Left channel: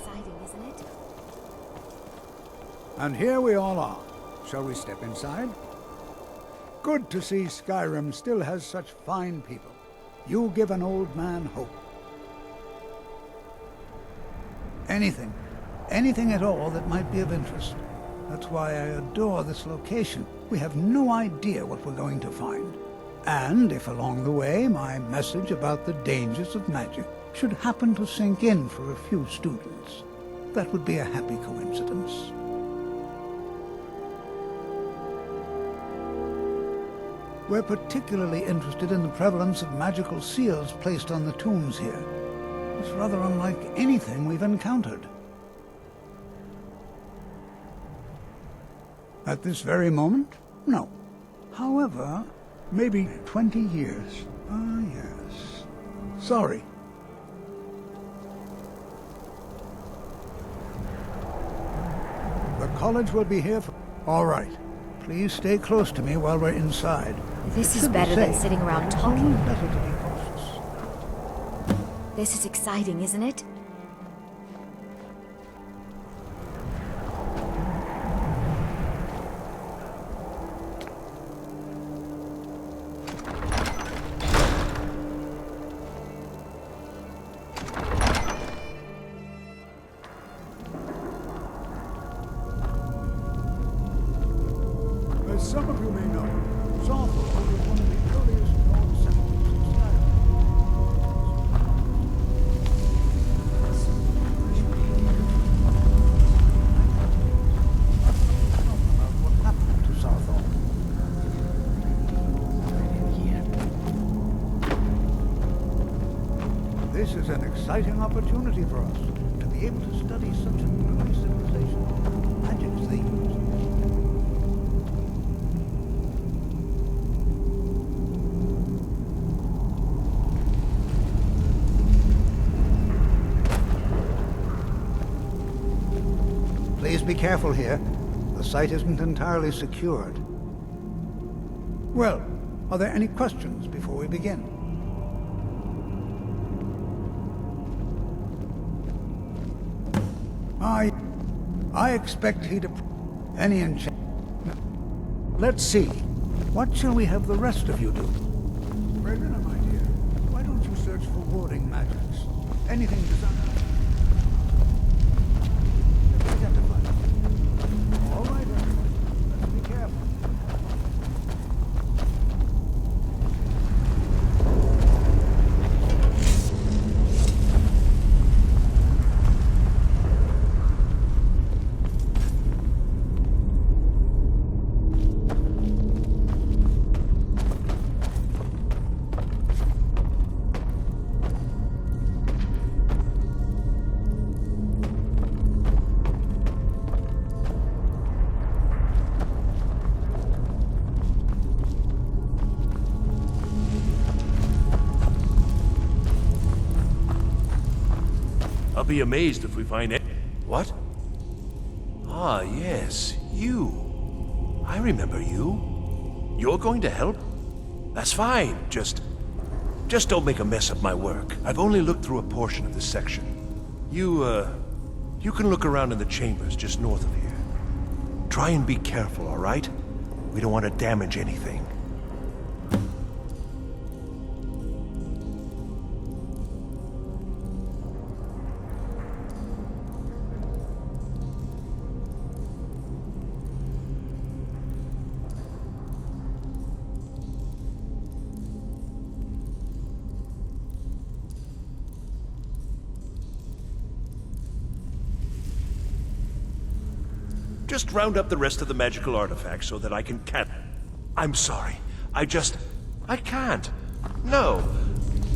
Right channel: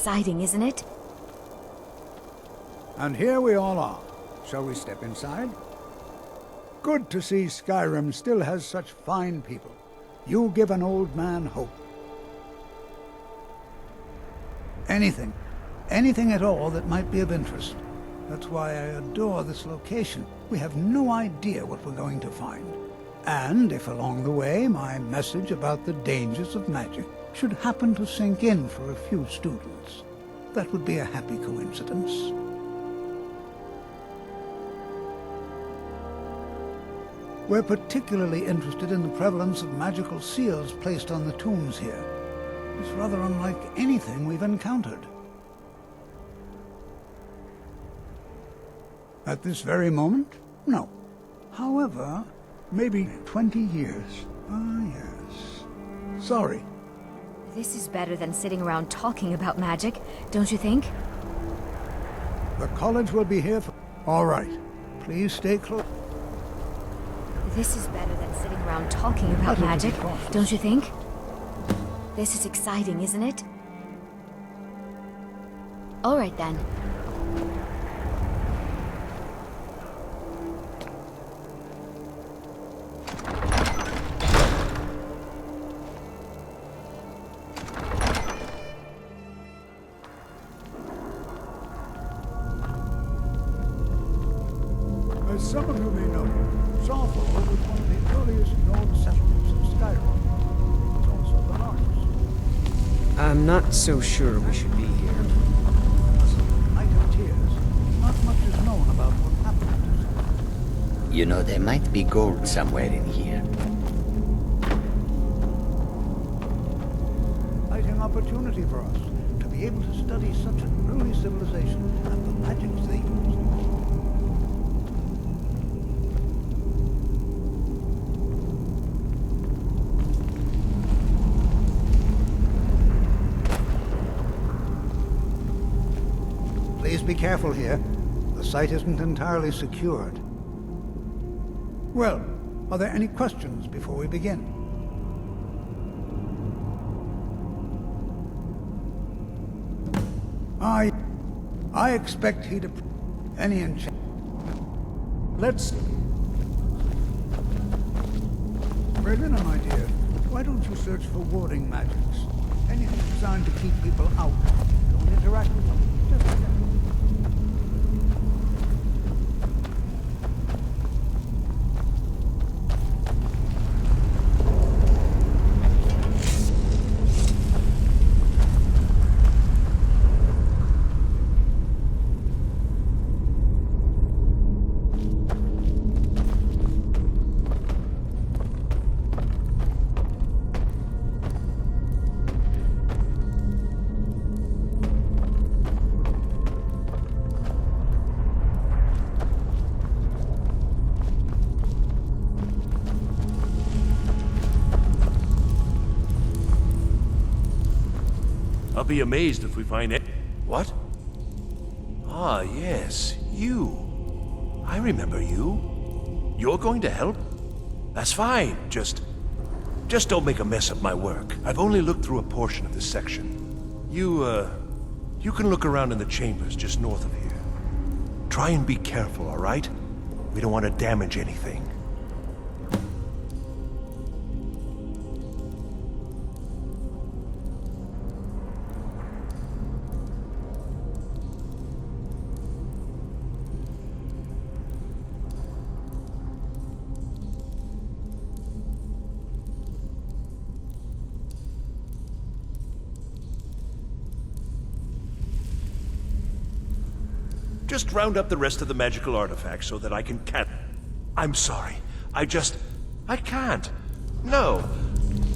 exciting, isn't it? And here we all are. Shall we step inside? Good to see Skyrim still has such fine people. You give an old man hope. Anything at all that might be of interest. That's why I adore this location. We have no idea what we're going to find. And if along the way my message about the dangers of magic should happen to sink in for a few students, that would be a happy coincidence. We're particularly interested in the prevalence of magical seals placed on the tombs here. It's rather unlike anything we've encountered. At this very moment? No. However, maybe 20 years. Ah, yes. Sorry. This is better than sitting around talking about magic, don't you think? The college will be here for... All right. Please stay close to me while we're inside. This is better than sitting around talking about magic, don't you think? This is exciting, isn't it? All right then. As some of you may know, Saarthal was one of the earliest Nord settlements in Skyrim. Also the largest. I'm not so sure we should be here. Night of Tears. Not much is known about what happened to Saarthal. You know, there might be gold somewhere in here. This is an exciting opportunity for us to be able to study such an early civilization and the magics they used. Please be careful here. The site isn't entirely secured. Well, are there any questions before we begin? I expect he'd any enchantment. Let's see. What shall we have the rest of you do? Berlina, my dear, why don't you search for warding magics? Anything designed to keep people out. Interact with them. Just identify them. All right, everyone. Be careful. I'll be amazed if we find it. What? Ah, yes, you. I remember you. You're going to help? That's fine. Just don't make a mess of my work. I've only looked through a portion of this section. You can look around in the chambers just north of here. Try and be careful, all right? We don't want to damage anything. Just round up the rest of the magical artifacts so that I can I'm sorry. I can't. No.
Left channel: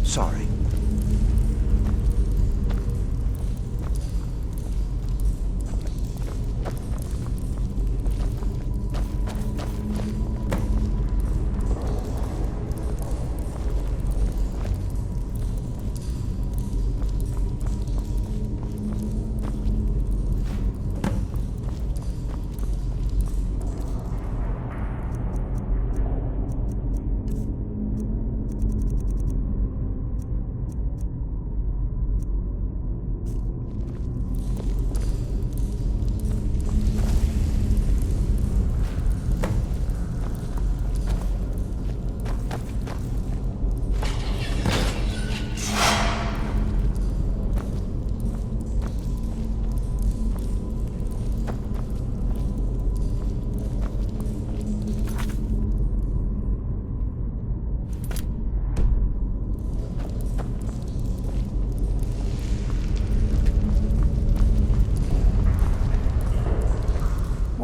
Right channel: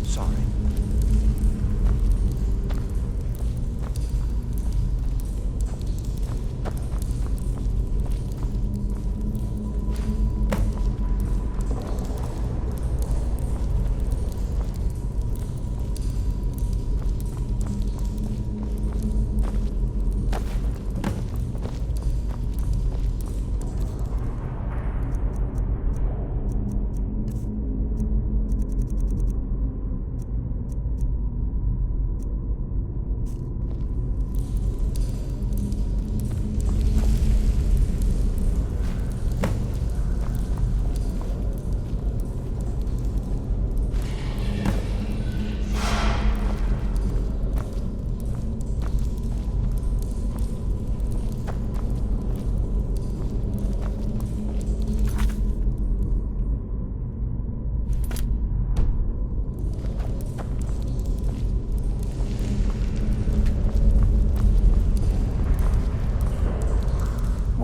Sorry.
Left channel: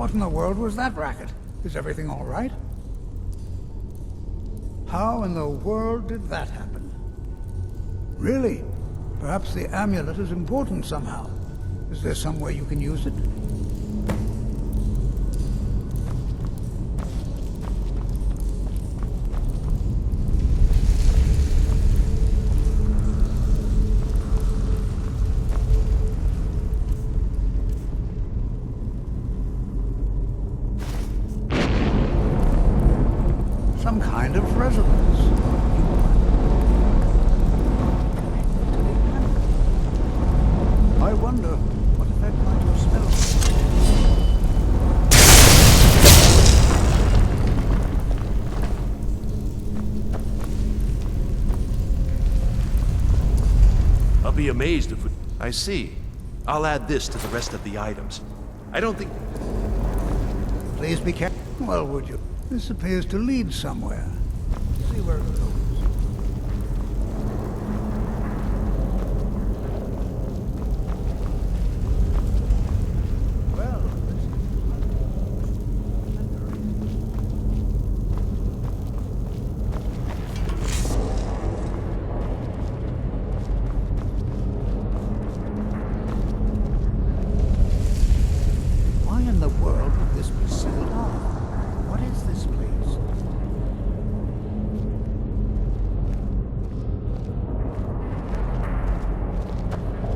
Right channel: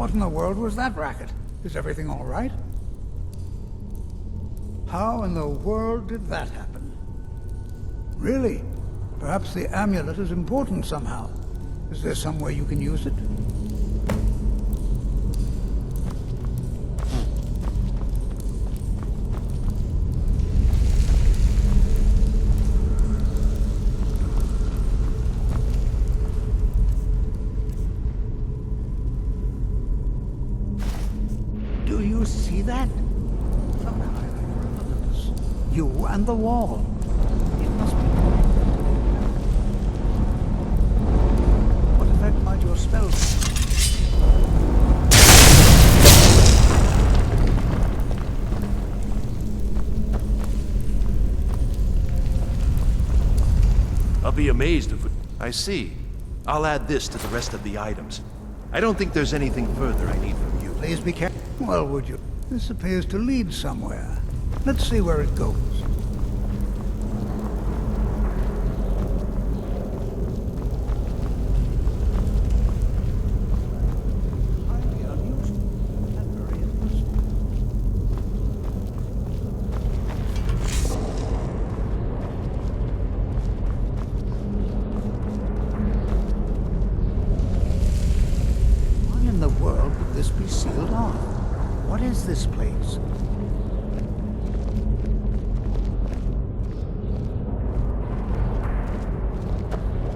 What in the world was that racket? Is everything all right? How in the world did that happen? Really? Perhaps the amulet is important somehow. Is there some way you can use it? You see that? Some kind of resonance. You and the wall. You must be connected to the amulet. I wonder, what effect might your spell have? I'll be amazed if we... I see. I'll add this to the rest of the items. I don't think there's anything further I need from you. Please be careful. Well, would you? This appears to lead somewhere. Let's see where it goes. Well, this is highly unusual and very interesting. Why in the world would this be sealed off? What is this place?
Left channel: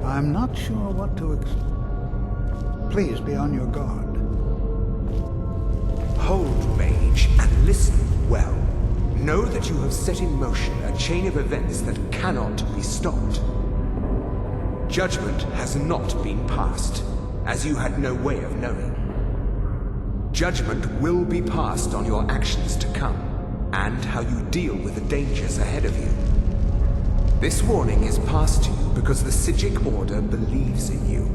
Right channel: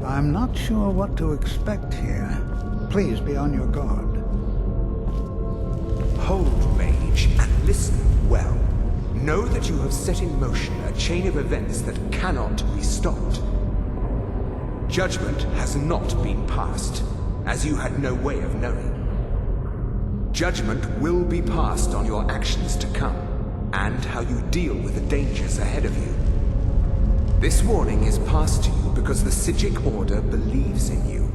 I'm not sure what to expect here. Please be on your guard. Hold, mage, and listen well. Know that you have set in motion a chain of events that cannot be stopped. Judgment has not been passed, as you had no way of knowing. Judgment will be passed on your actions to come, and how you deal with the dangers ahead of you. This warning is passed to you because the Psijic Order believes in you.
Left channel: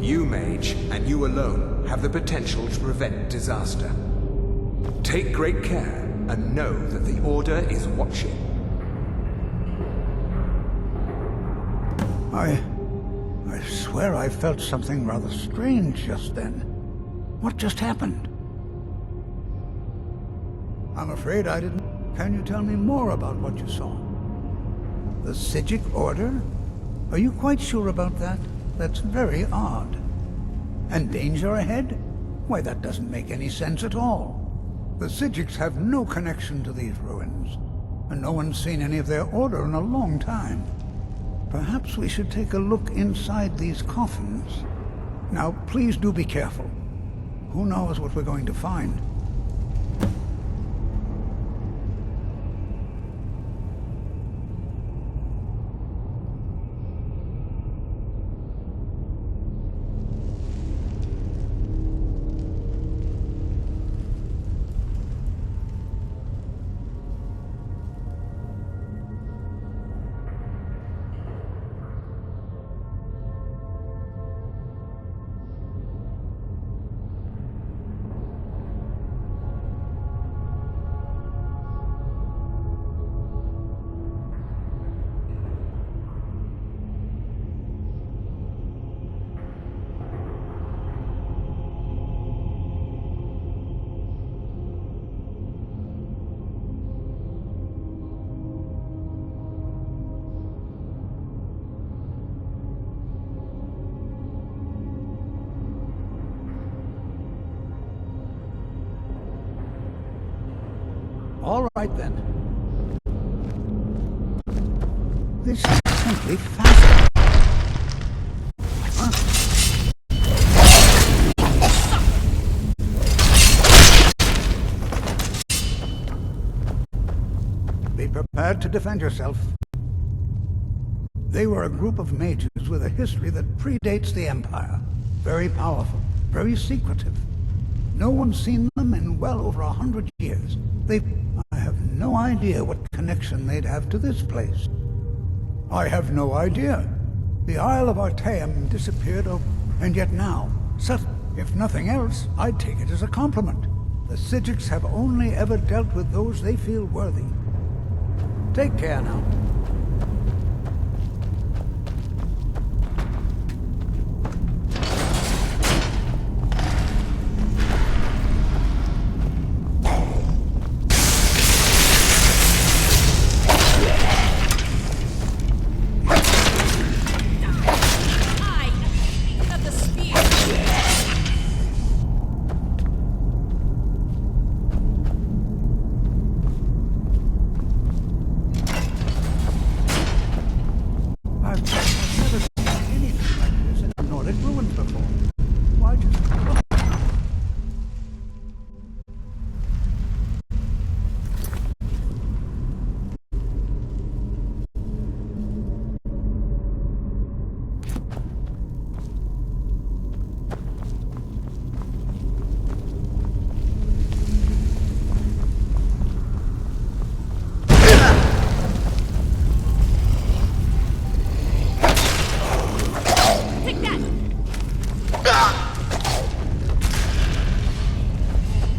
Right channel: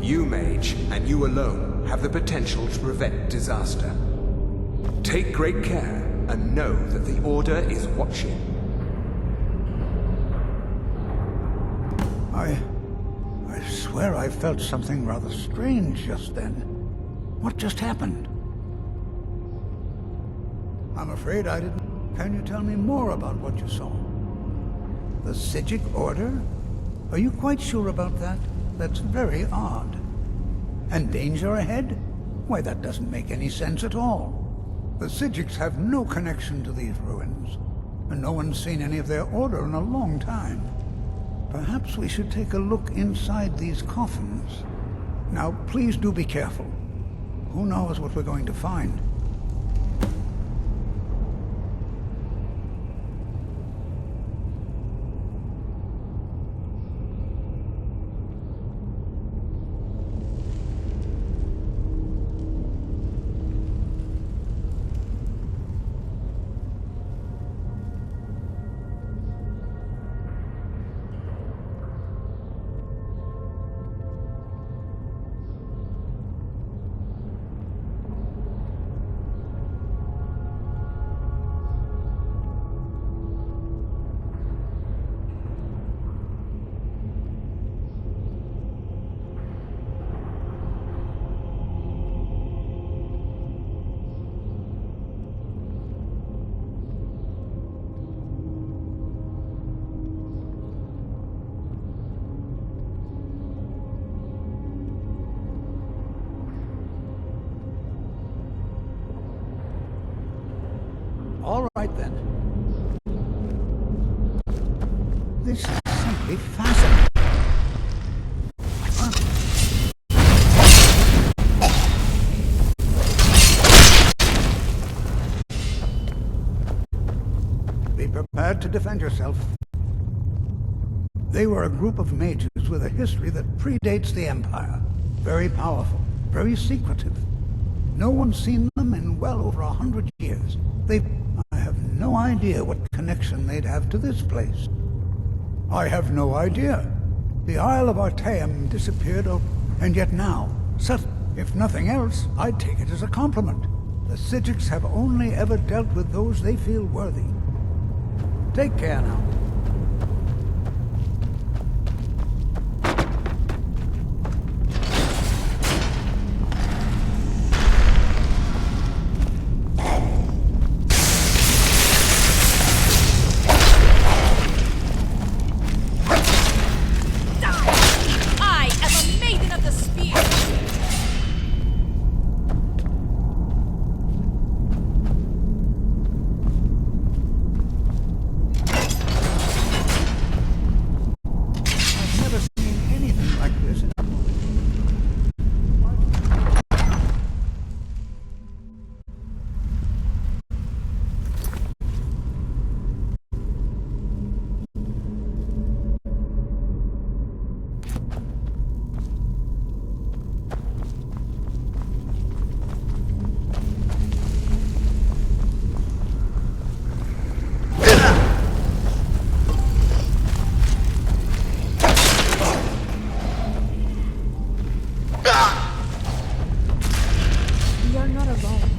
You, mage, and you alone, have the potential to prevent disaster. Take great care, and know that the Order is watching. I swear I felt something rather strange just then. What just happened? I'm afraid I didn't... Can you tell me more about what you saw? The Psijic Order? Are you quite sure about that? That's very odd. And danger ahead? Why, that doesn't make any sense at all. The Psijics have no connection to these ruins, and no one's seen any of their order in a long time. Perhaps we should take a look inside these coffins. Now, please do be careful. Who knows what we're going to find? All right, then. This is simply fascinating. Huh? Be prepared to defend yourself. They were a group of mages with a history that predates the Empire. Very powerful, very secretive. No one's seen them in well over 100 years. I have no idea what connection they'd have to this place. I have no idea. The Isle of Artaeum disappeared, and yet now, if nothing else, I'd take it as a compliment. The Psijics have only ever dealt with those they feel worthy. Take care now. You're not alone.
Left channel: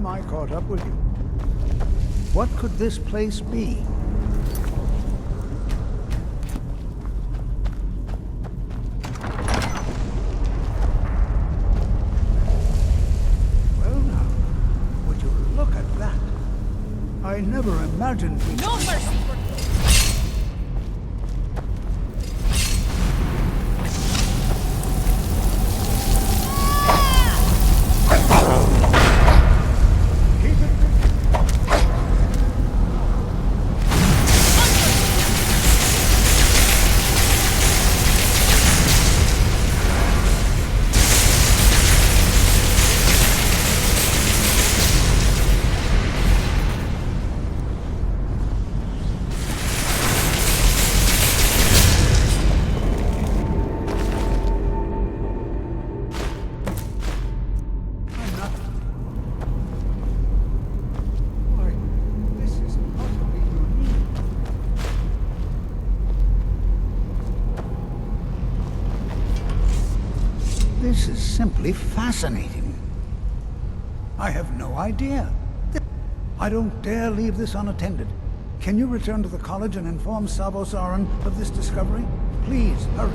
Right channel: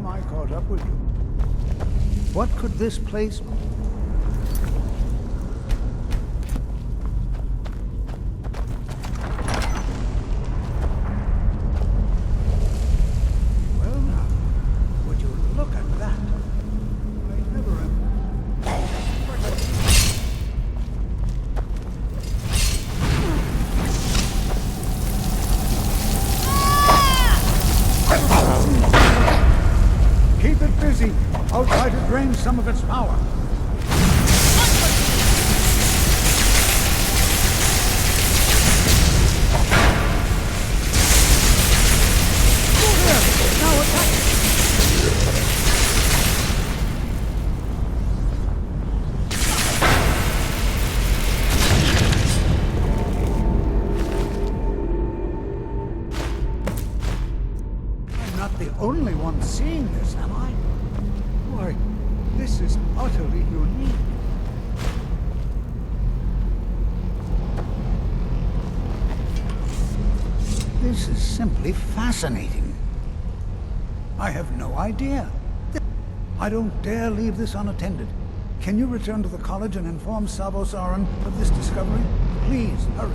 time I caught up with you. What could this place be? Well now, would you look at that? I never imagined we... No mercy for you! Keep it busy. I'll try to drain some of its power. I'm not the only one seeing this, am I? Why, this is utterly unique. This is simply fascinating. I have no idea. I don't dare leave this unattended. Can you return to the college and inform Sabo Saran of this discovery? Please, hurry.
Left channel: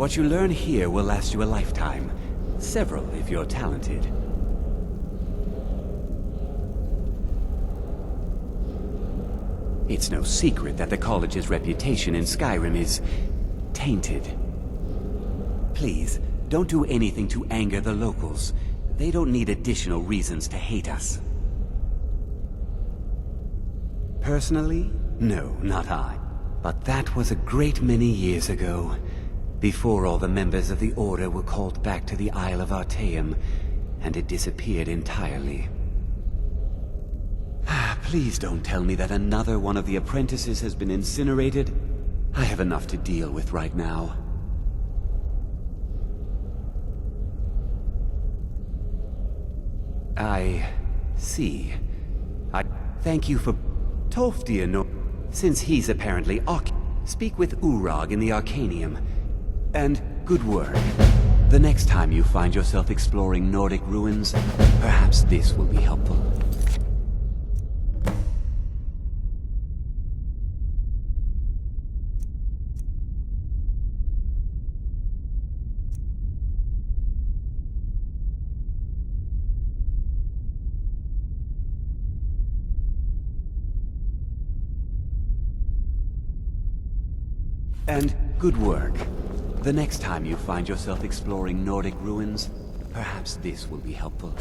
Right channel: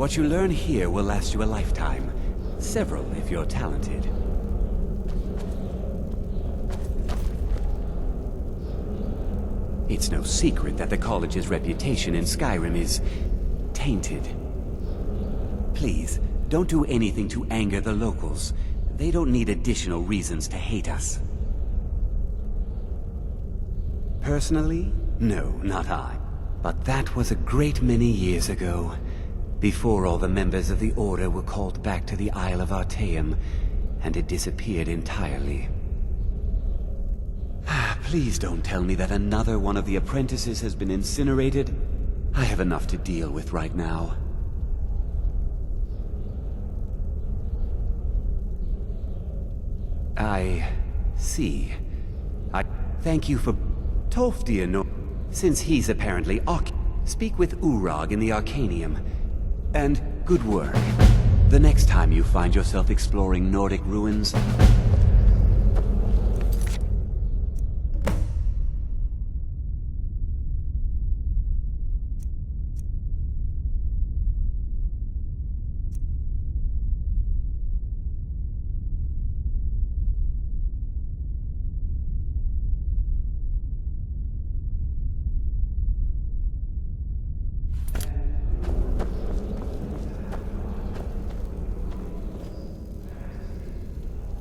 What you learn here will last you a lifetime. Several, if you're talented. It's no secret that the college's reputation in Skyrim is tainted. Please, don't do anything to anger the locals. They don't need additional reasons to hate us. Personally, no, not I. But that was a great many years ago, before all the members of the Order were called back to the Isle of Artaeum, and it disappeared entirely. Please don't tell me that another one of the apprentices has been incinerated. I have enough to deal with right now. I see. I thank you for Tolfdir no. Since he's apparently speak with Urag in the Arcanium. And good work. The next time you find yourself exploring Nordic ruins, perhaps this will be helpful. And good work. The next time you find yourself exploring Nordic ruins, perhaps this will be helpful.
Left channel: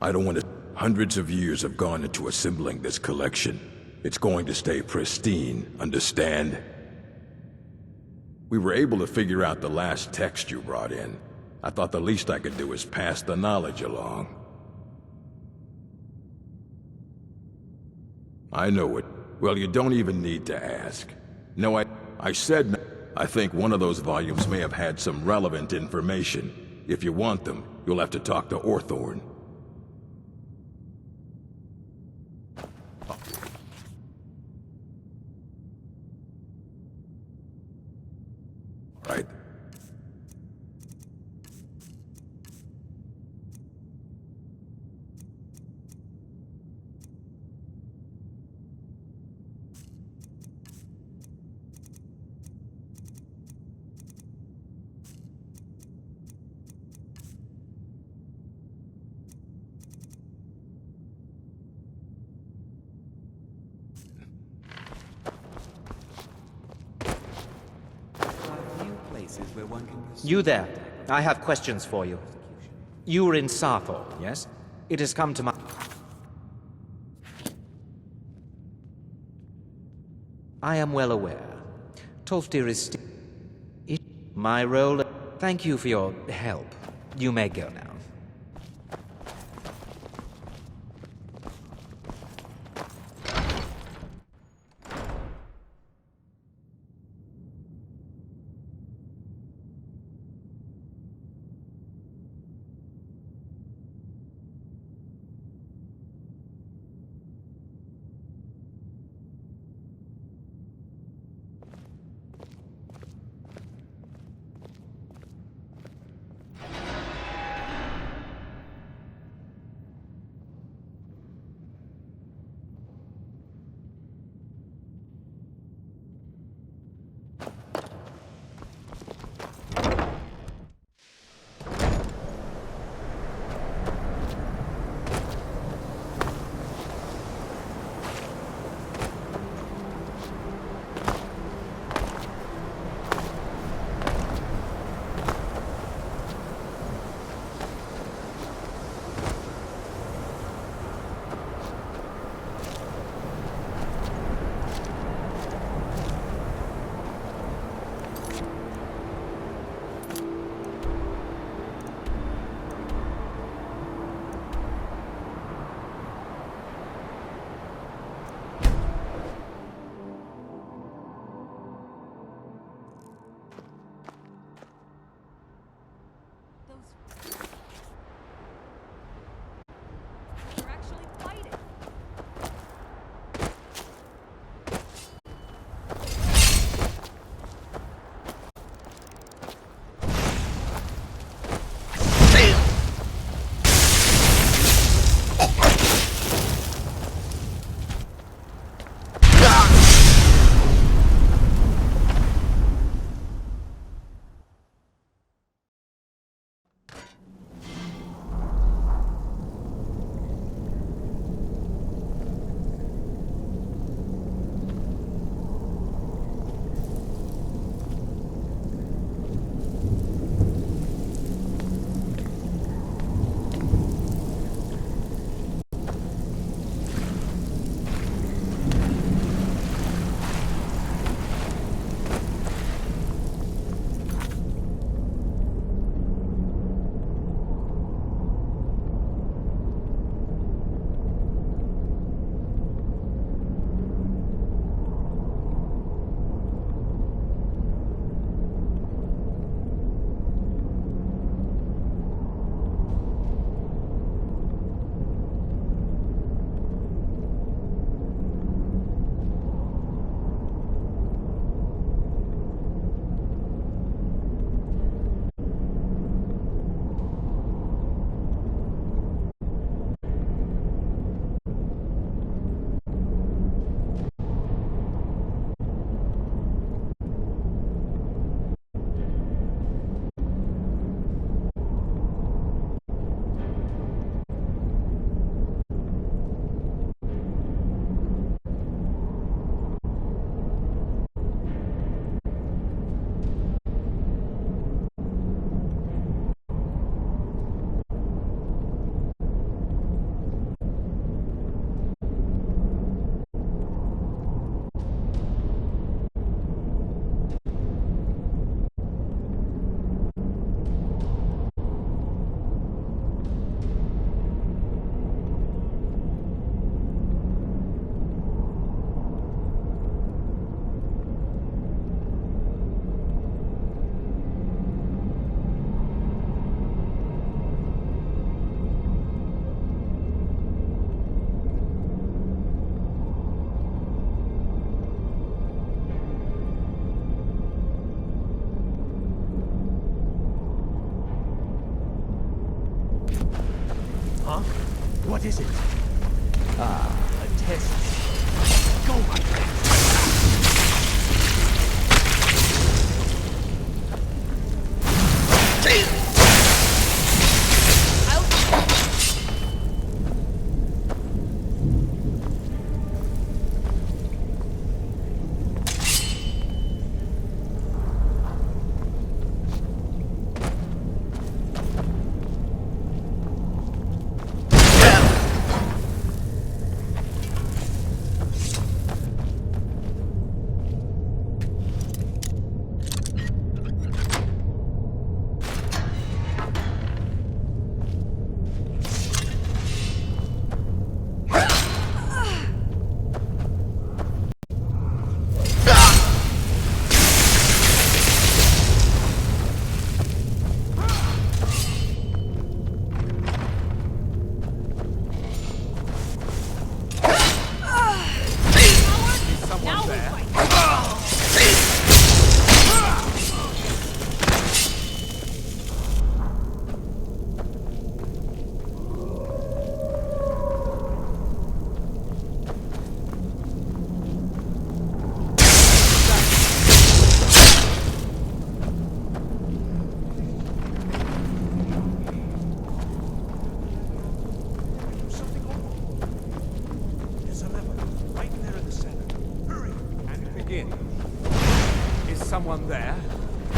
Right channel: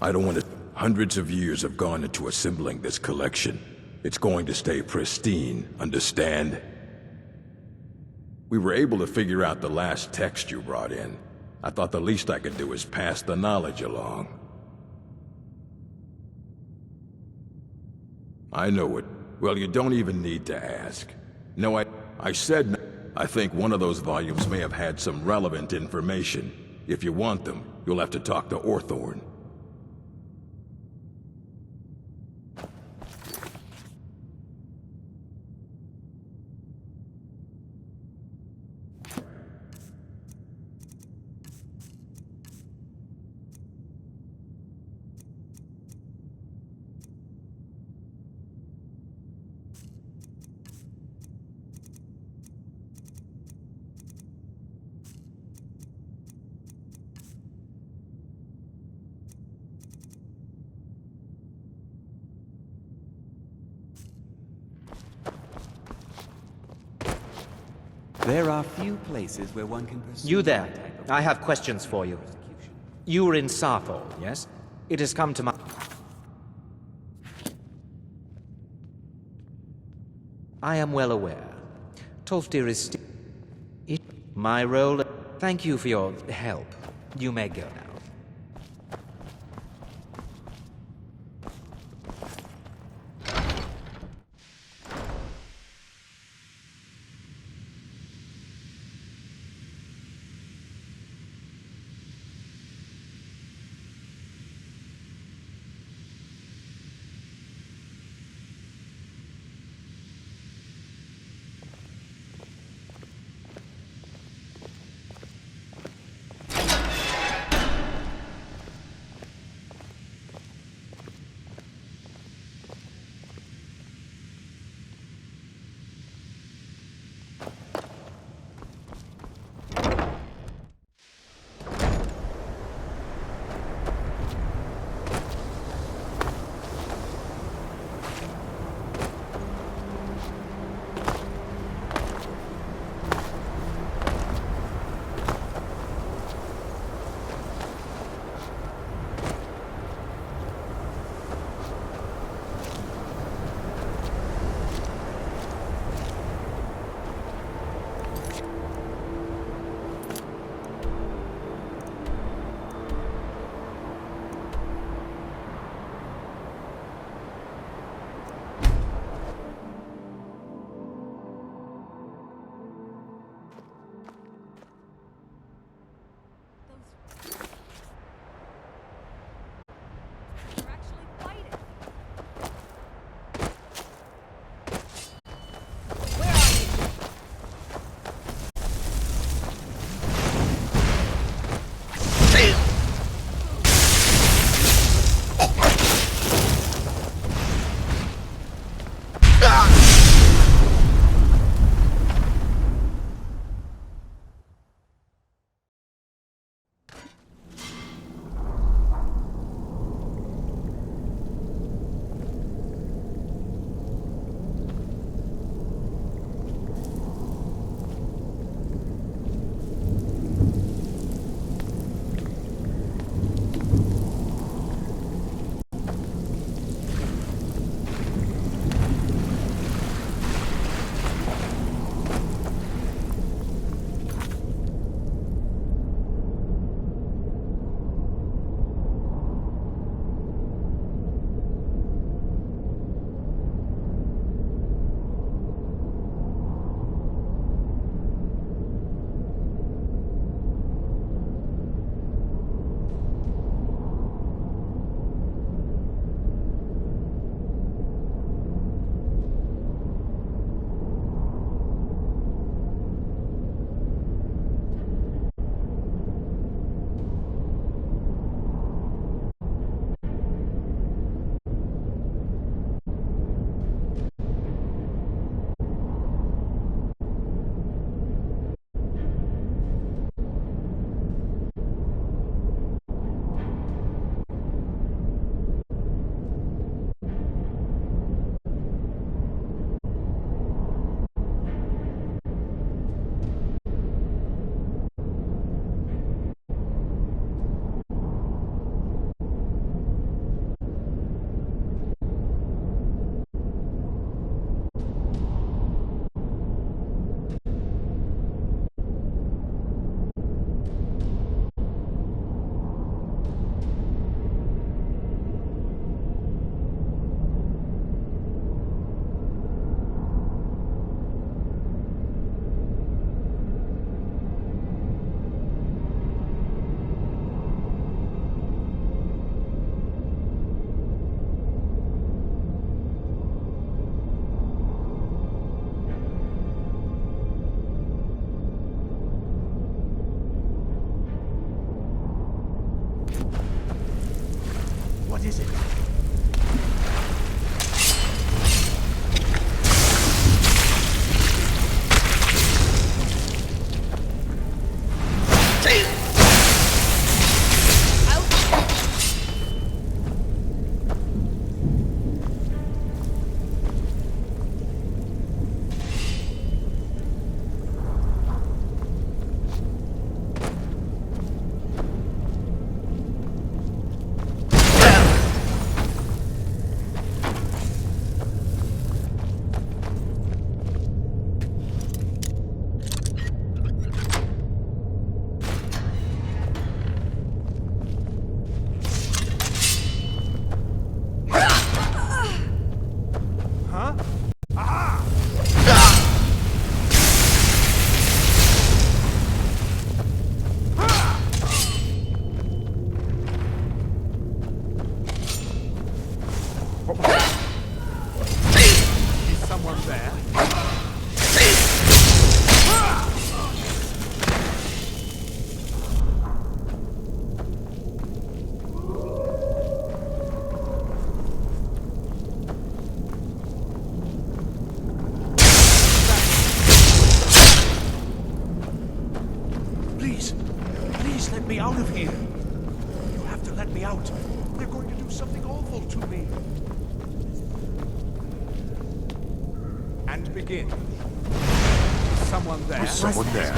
I don't want to... Hundreds of years have gone into assembling this collection. It's going to stay pristine, understand? We were able to figure out the last text you brought in. I thought the least I could do is pass the knowledge along. I know it. Well, you don't even need to ask. No, I said no. I think one of those volumes may have had some relevant information. If you want them, you'll have to talk to Orthorn. There are few places where one can pursue... You there. that type of I have questions for you. persecution. You were in Saarthal, yes? It has come to my... I am well aware. Tolfdir is still... My role... Thank you for your help. You may go now. What is it? Begin. Is someone there? Someone there.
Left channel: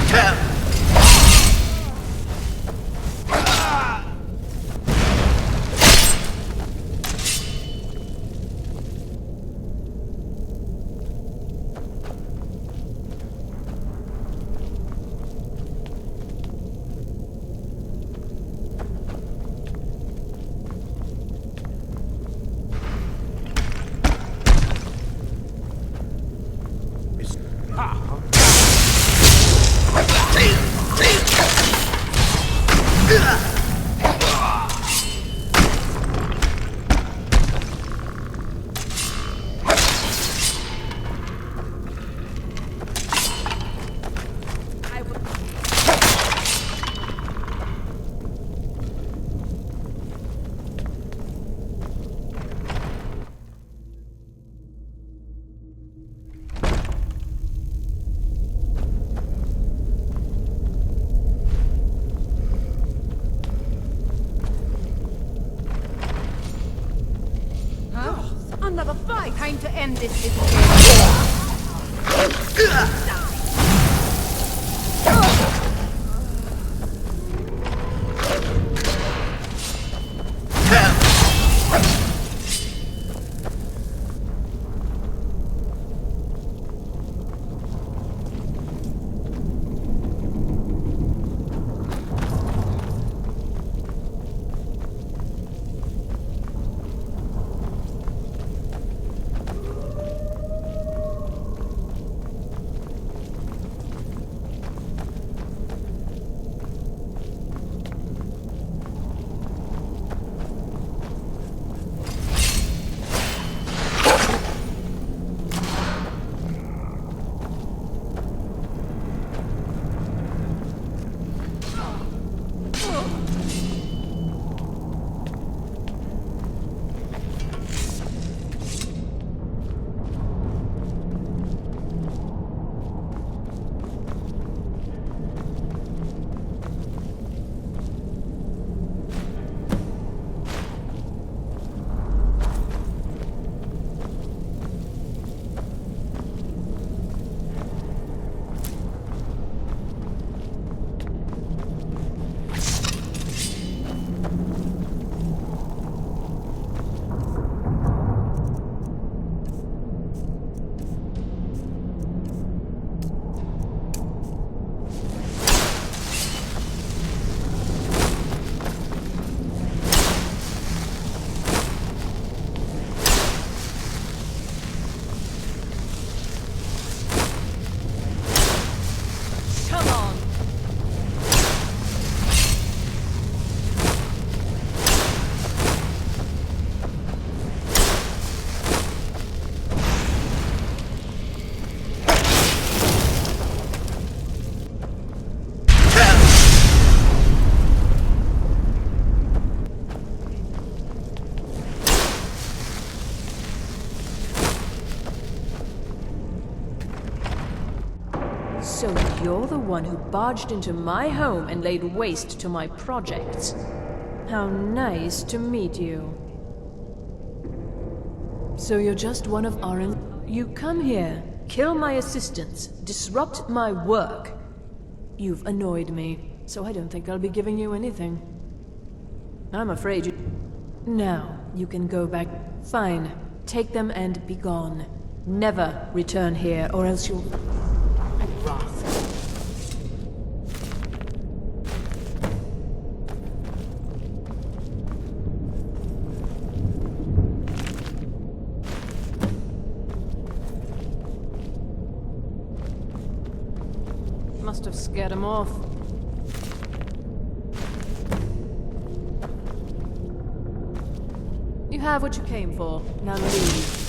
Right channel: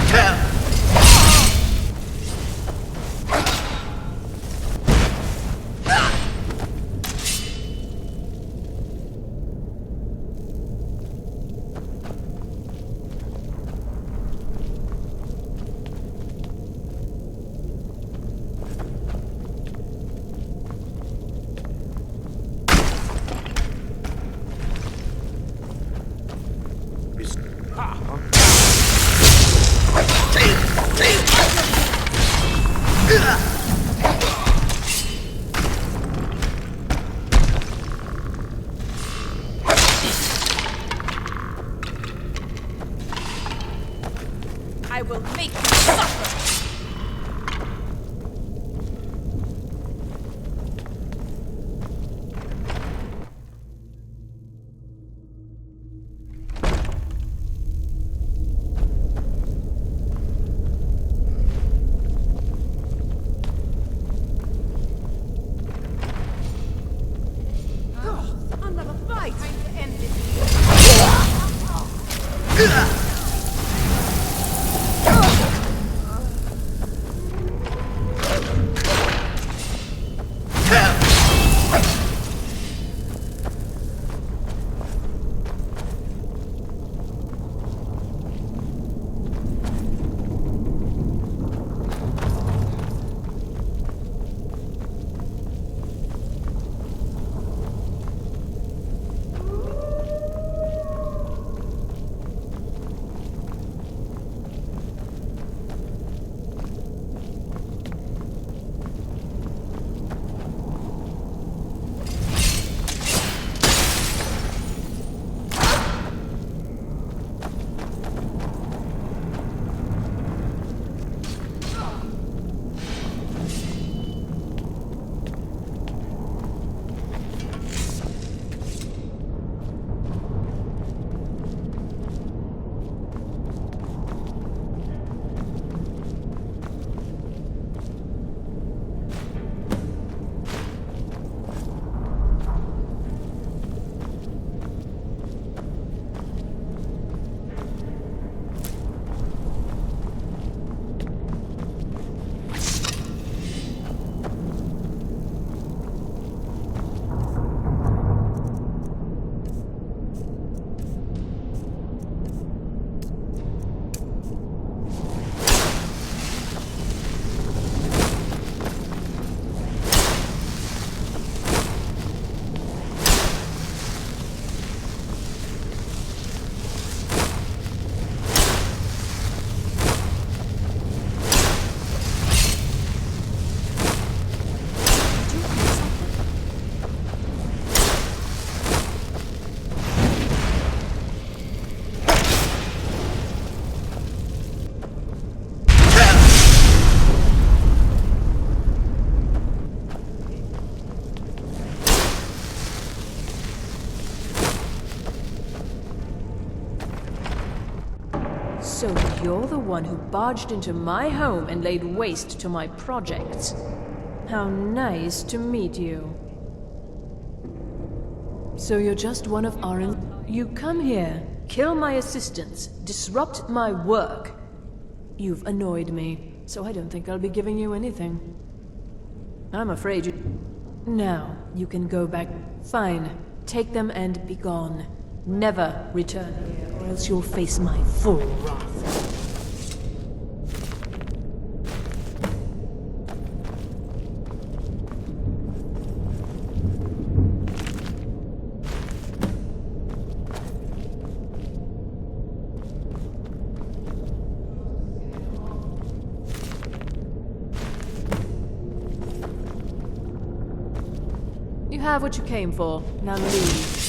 I will make another fight. Time to end this. you're the one who barged into my home and laid waste to my projects. How nice to meet you. So you're just one of our... You come here, kill my assistants, disrupt my work. You've annoyed me, so I don't think I'll be giving you anything. I'm afraid you... Now, you can go back. Fine. Take them and be gone. Never return here, or else you'll face my full wrath. Must have scared him off. You have what you came for. Now leave.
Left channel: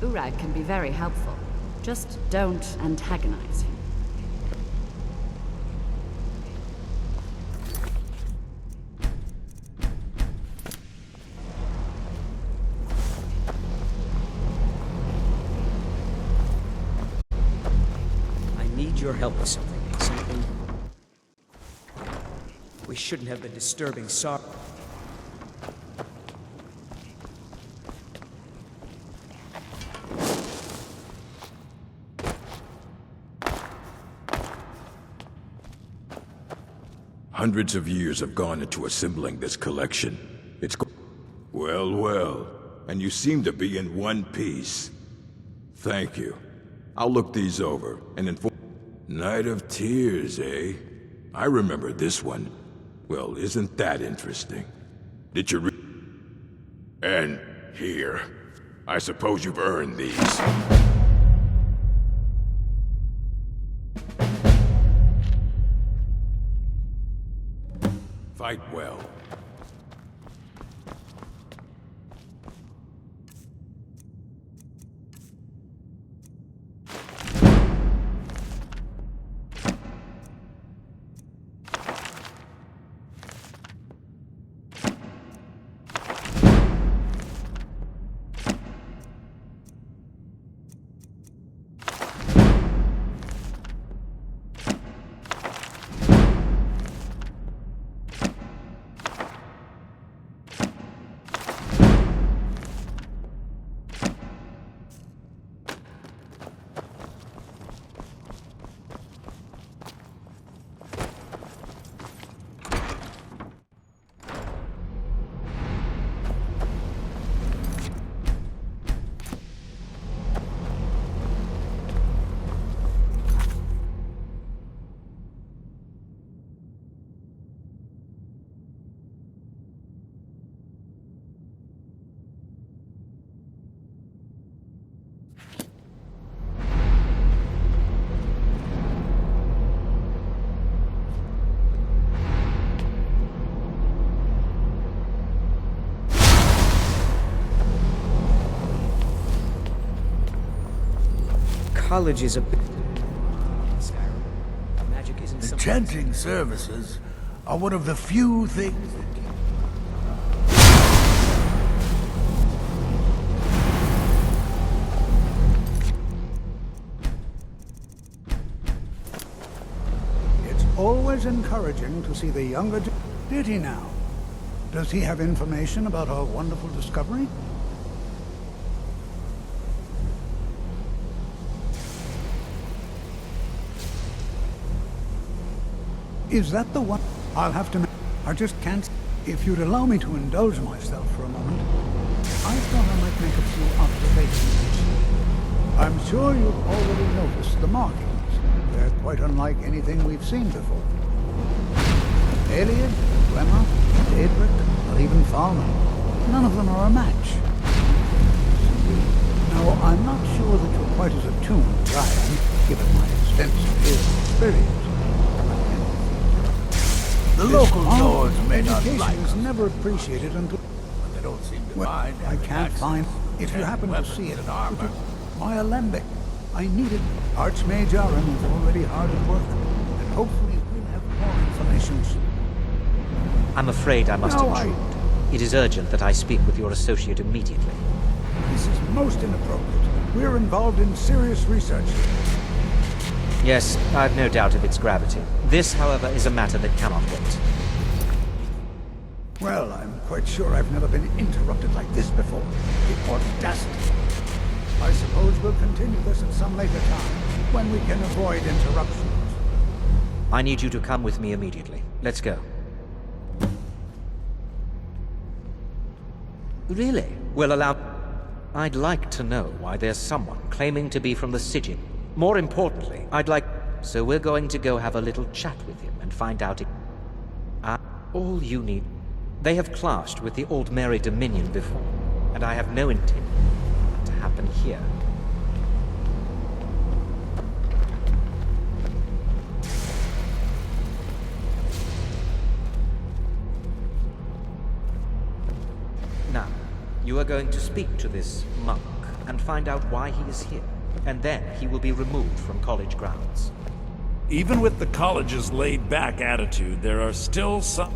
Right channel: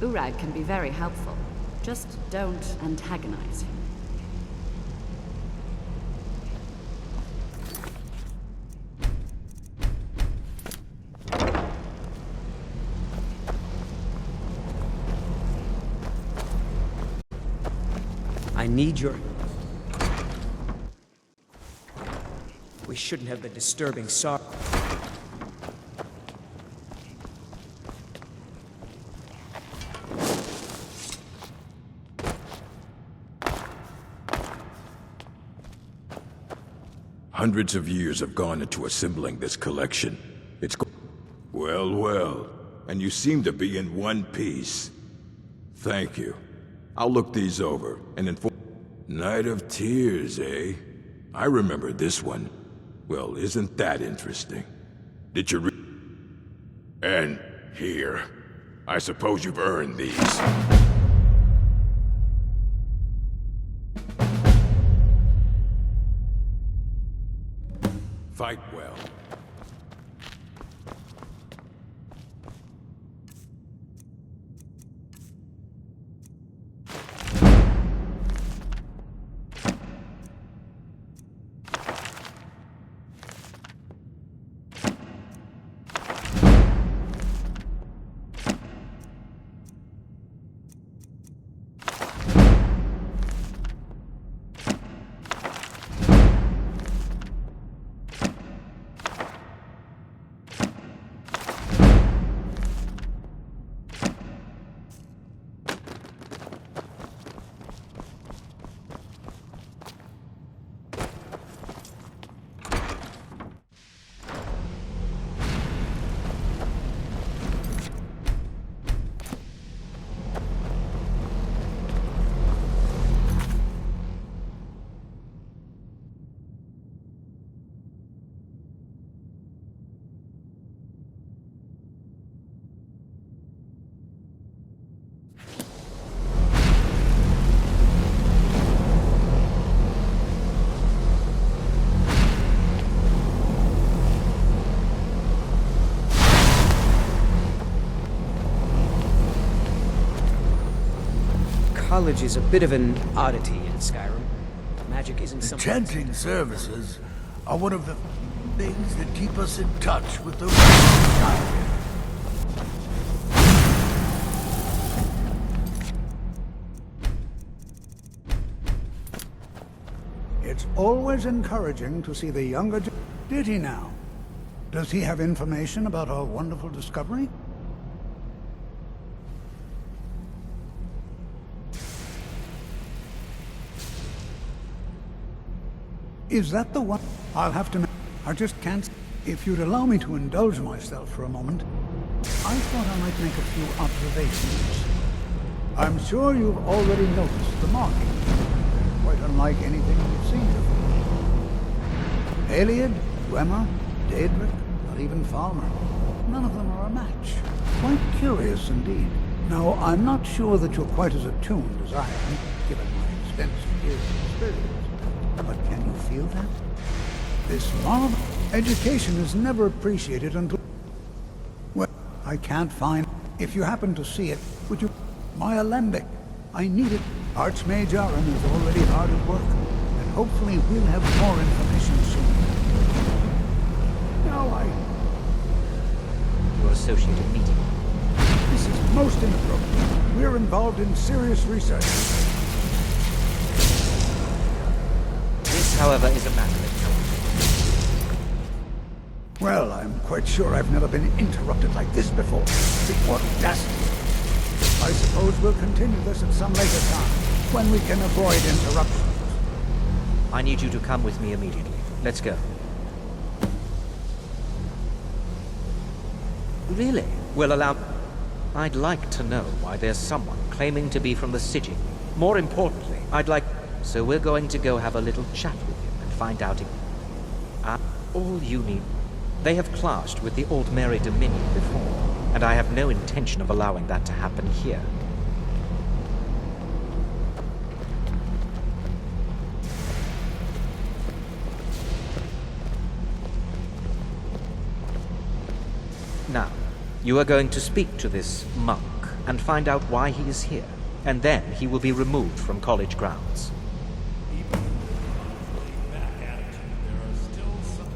Urag can be very helpful. Just don't antagonize him. I need your help with something. We shouldn't have been disturbing Saarthal. Hundreds of years have gone into assembling this collection. It's well, well, and you seem to be in one piece. Thank you. I'll look these over and inform... Night of Tears, eh? I remember this one. Well, isn't that interesting? Did you And here. I suppose you've earned these. Fight well. college is a bit of an oddity in Skyrim. Magic isn't The something... chanting services are one of the few things that keep us in touch with the real. It's always encouraging to see the younger... Did he now? Does he have information about our wonderful discovery? Is that the one? I'll have to... I just can't... If you'd allow me to indulge myself for a moment, I thought I might make a few observations. I'm sure you've already noticed the markings. They're quite unlike anything we've seen before. Aliad, Gwemma, Daedric, or even Falmer. None of them are a match. Quite curious indeed. Now, I'm not sure that you're quite as attuned as I am, given my extensive years of experience. But can you feel that? The local education is never appreciated until... Well, I can't find... If you happen to see it, would you... My alembic. I need it. Archmage Aram is already hard at work, and hopefully we'll have more information soon. I'm afraid I must... It is urgent that I speak with your associate immediately. This is most inappropriate. We're involved in serious research. Yes, I've no doubt of its gravity. This, however, is a matter that cannot wait. Well, I'm quite sure I've never been interrupted like this before. The audacity. I suppose we'll continue this at some later time, when we can avoid interruptions. I need you to come with me immediately. Let's go. Really? Well, allow... I'd like to know why there's someone claiming to be from the city. More importantly, I'd like... So we're going to go have a little chat with him and find out if... all you need... They have clashed with the Old Mary Dominion before, and I have no intention of allowing that to happen here. Now, you are going to speak to this monk and find out why he is here, and then he will be removed from college grounds. Even with the college's laid-back attitude, there are still some...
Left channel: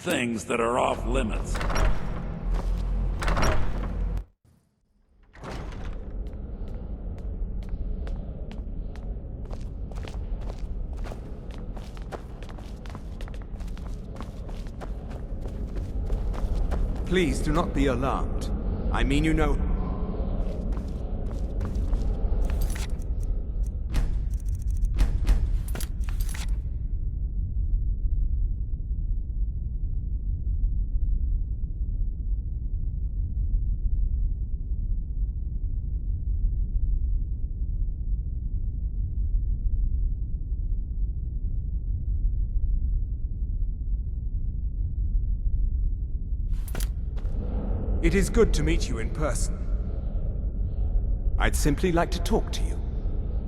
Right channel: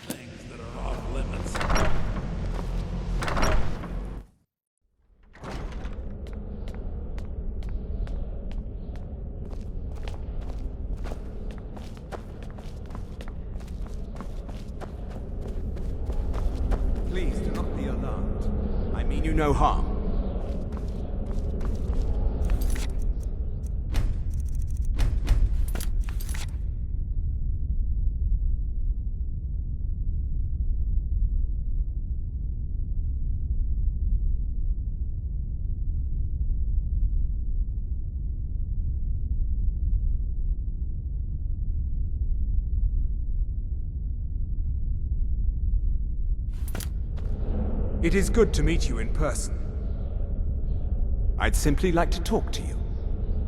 things that are off limits. Please do not be alarmed. I mean you no harm. It is good to meet you in person. I'd simply like to talk to you.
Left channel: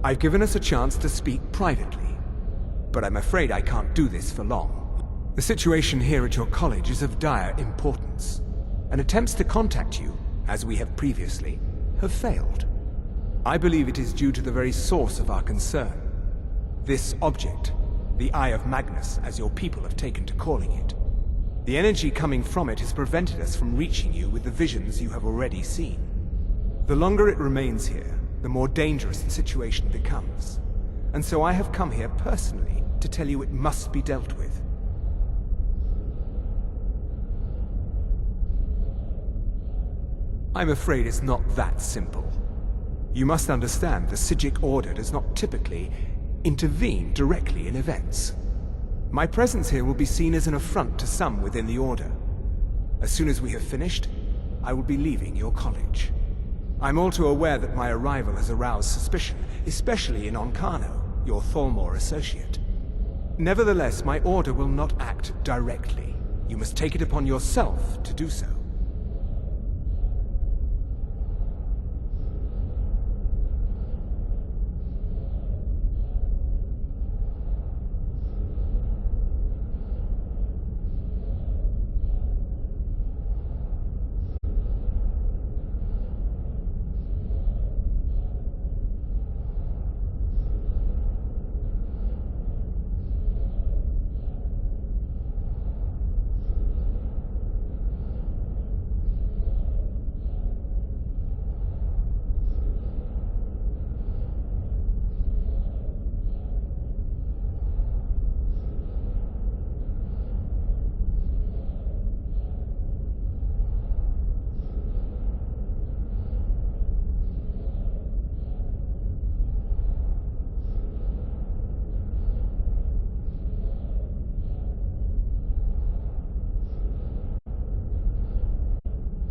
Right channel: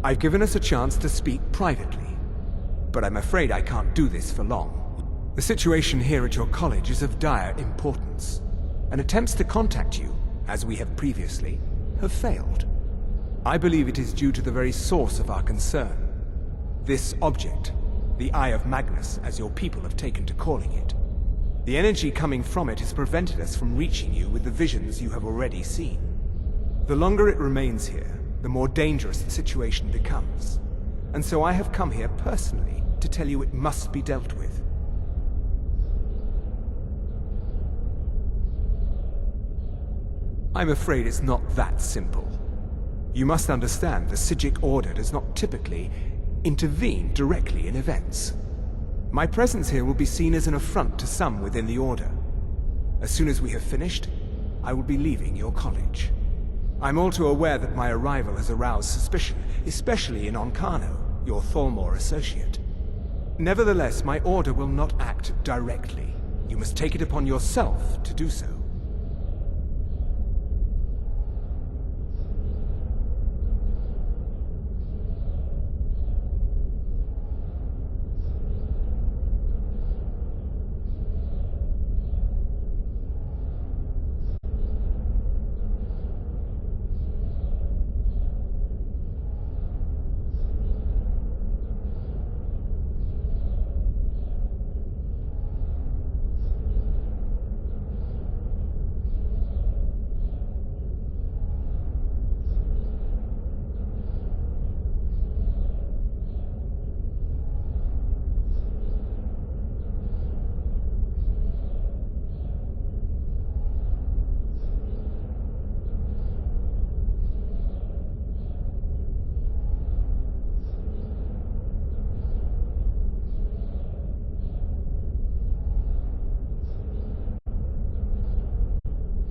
I've given us a chance to speak privately, but I'm afraid I can't do this for long. The situation here at your college is of dire importance, and attempts to contact you, as we have previously, have failed. I believe it is due to the very source of our concern. This object, the Eye of Magnus, as your people have taken to calling it. The energy coming from it has prevented us from reaching you with the visions you have already seen. The longer it remains here, the more dangerous the situation becomes. and so I have come here personally to tell you it must be dealt with. I'm afraid it's not that simple. You must understand the Psijic Order does not typically intervene directly in events. My presence here will be seen as an affront to some within the Order. As soon as we have finished, I will be leaving your college. I'm all too aware that my arrival has aroused suspicion, especially in Onkano, your Thalmor associate. Nevertheless, my Order will not act directly. You must take it upon yourself to do so.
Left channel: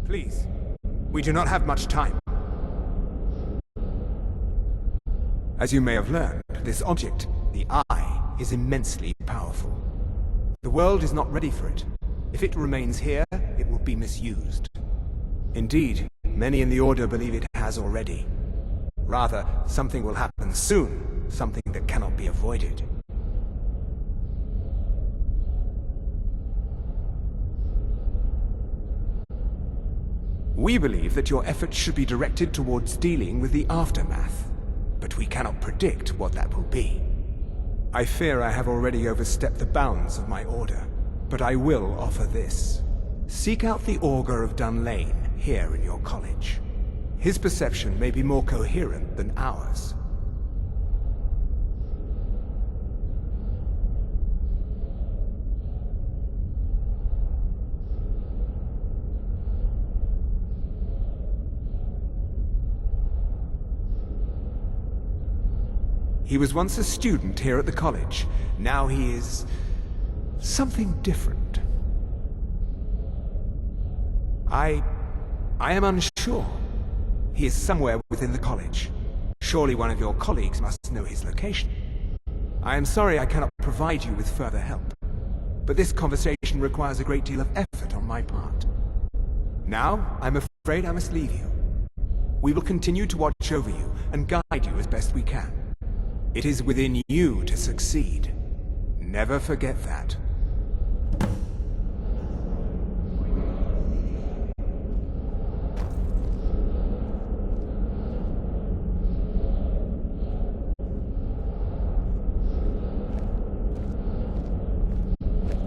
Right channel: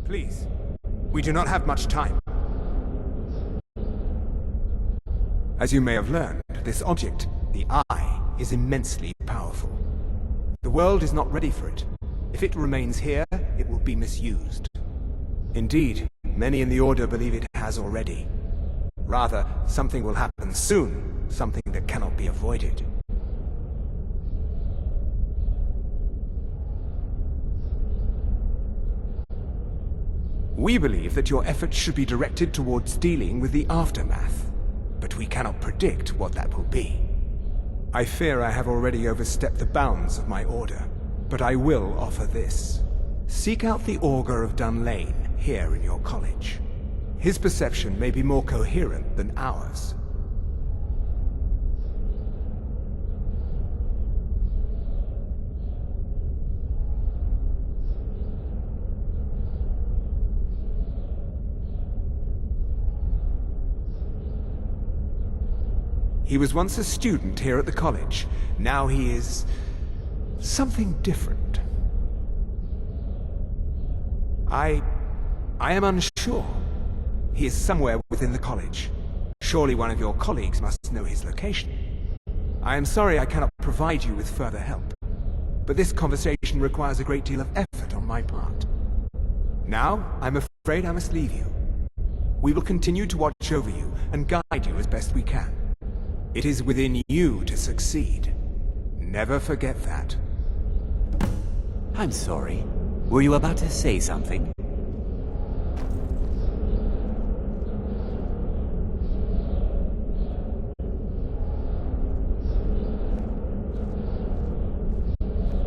Please, we do not have much time. As you may have learned, this object, the Eye, is immensely powerful. The world is not ready for it. If it remains here, it will be misused. Indeed, many in the Order believe it has already. Rather, something will happen soon, something that cannot be avoided. We believe that your efforts should be directed towards dealing with the aftermath, but we cannot predict what that will be. I fear I have already overstepped the bounds of my Order, but I will offer this. Seek out the Augur of Dunlane here in your college. His perception may be more coherent than ours. He was once a student here at the college. Now he is something different. I am unsure. He is somewhere within the college. Surely one of your colleagues must know his location. I am sorry I cannot provide you with further help, but this conversation requires a great deal of effort on my part. Now, I'm afraid I must leave you. We will continue to watch over you and guide you as best we can. It is within you to succeed. Never forget that. I'm sorry. Were you about to say something?